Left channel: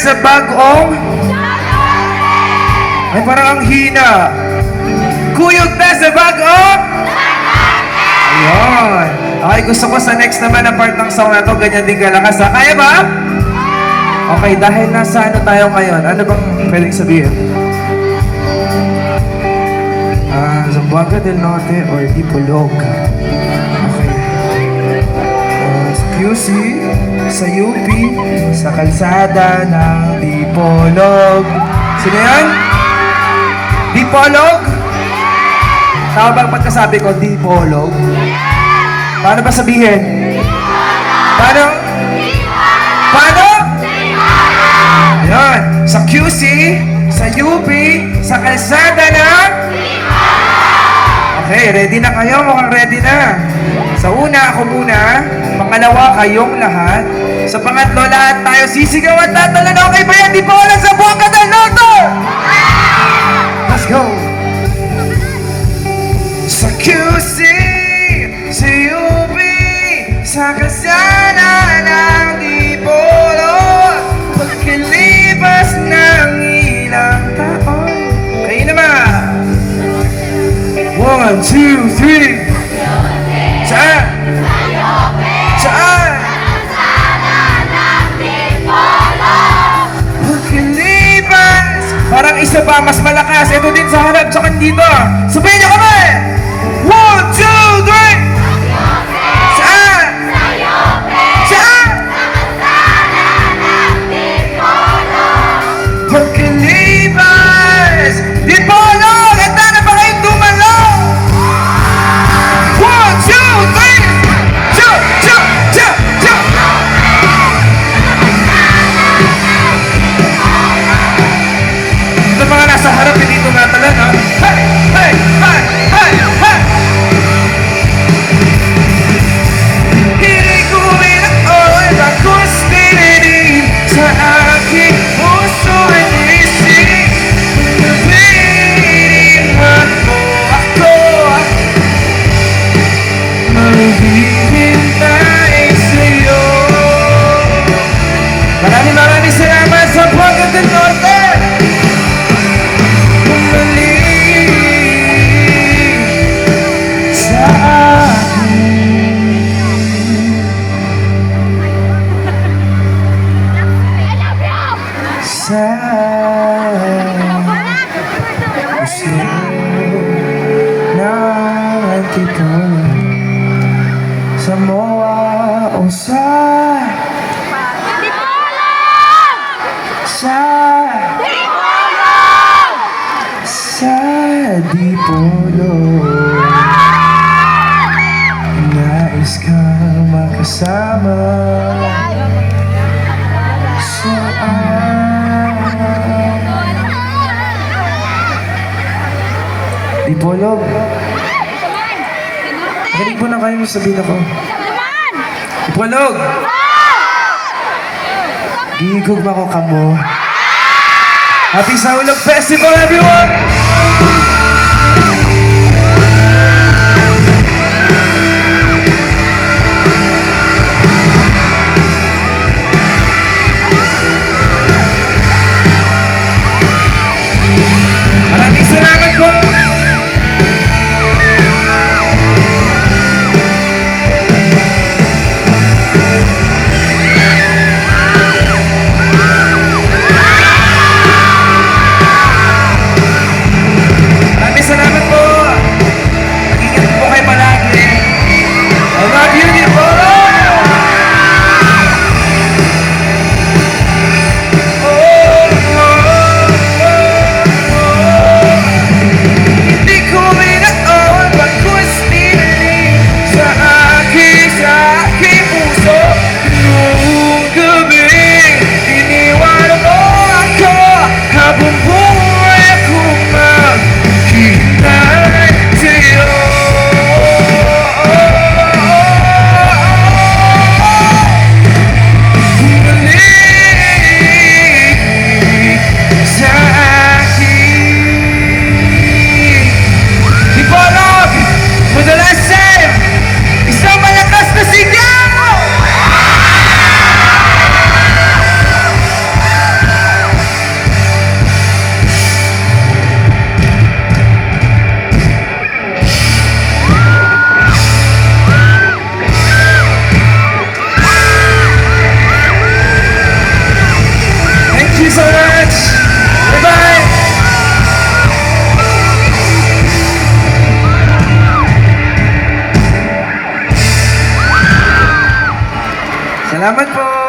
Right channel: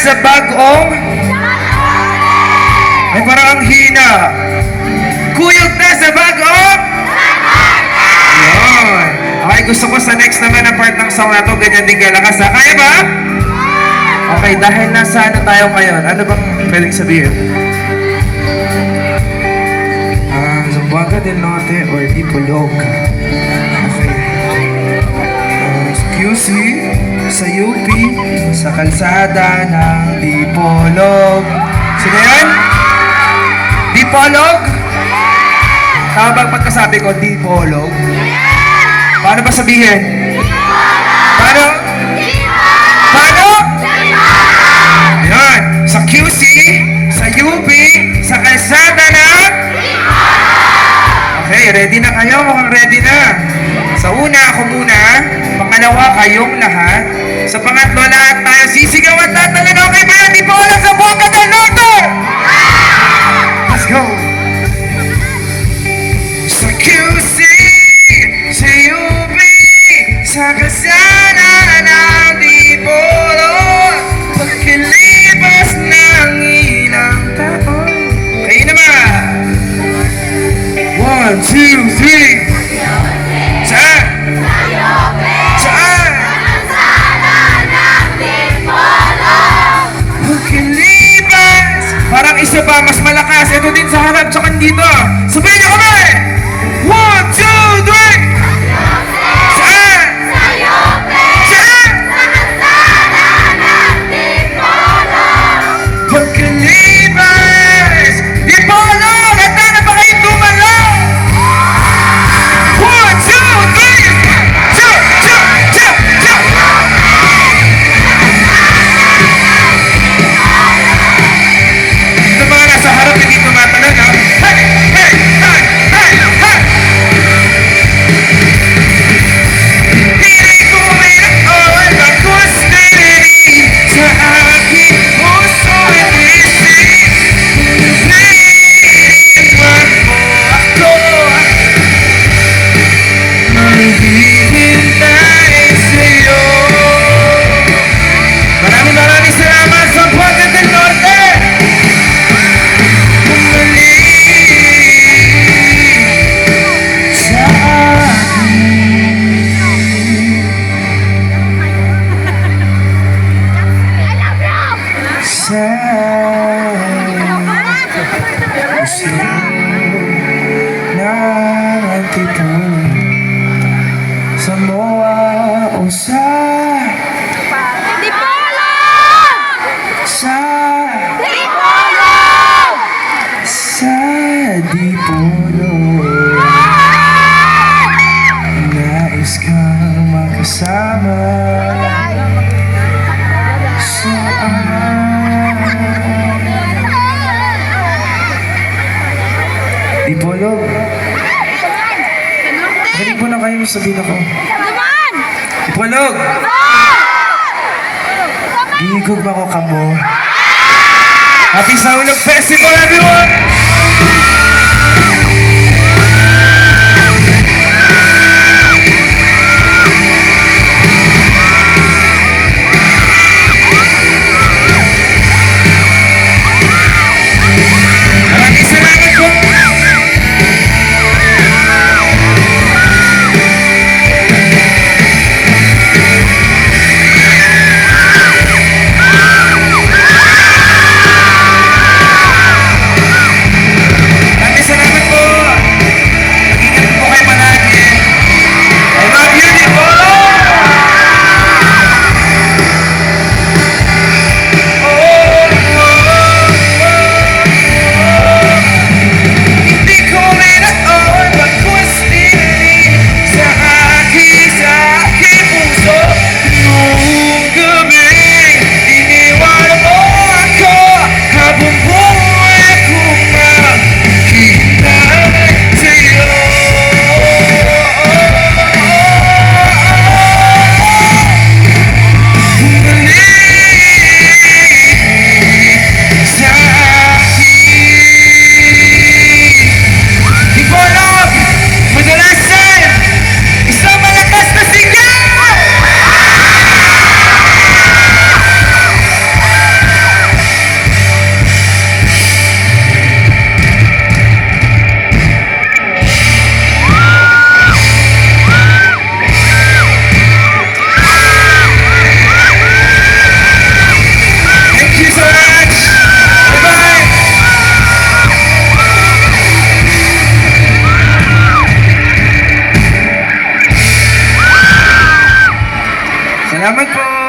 sa bagong? Ay, parang ang hina. Kuyog na sa bagong? Ayun. Okay, gusto ko sa next naman na part ng song na to, ganyan din kalakas ha. Kaya ba? Okay, dahil nasa ano tayo ngayon, ano bang pwedeng sabihin? Zamboanga del Norte or Dipolog. Okay. QC sa UP, sa kalsada ng Dipolog. Sino yan? Dipolog? Tama ba ang pagkasabi ko, Dipolog? Paano ba sabihin? Paano? Paano? Ayan. Sa QC, sa UP, sa kalsada ng... Okay, ready na kayo? Mukhang ready na. Sa una, ako muna. Pangalawa, kayong lahat. Sa pangatlo, lahat tayo sisigaw at tatalan. Okay ba yan? Di po alam sa Zamboanga del Norte! Let's go! Sa QC, sa UP, sa kasana ng Dipolo, pagkilipas ng ilang taon. Kayo naman! 1, 2, 3. Saan? Saan? Pagkilipas. Parang isa pa, mas malakas. Ito din sa harap, tsaka dito. Sabihin niyo kami! 1, 2, 3. Saan? Saan? Pagkilipas. Dipolo! Ganda na ba kayong dumalaw? 1, 2, 3. Jump, jump, jump, jump. Ito mga nasa harap, hindi tumatalon, ha? Hey, hey, hey, hey, hey. Hindi ko pinag-on ang kustili sa aking puso at isip. Pinapiwan mo ako, maghihintay sa'yo. Maraming salamat sa Zamboanga del Norte. Bumalik sa akin. Sa puso ng tituloy. Sa MOA o sa Dipolo. Nais kang makasama saan? Dipolog. Galing po na kayo sabihin ako. Dipolog! Gigugma ko kamo. Happy Saulog Festival, everyone! Maraming salamat po! Salamat po.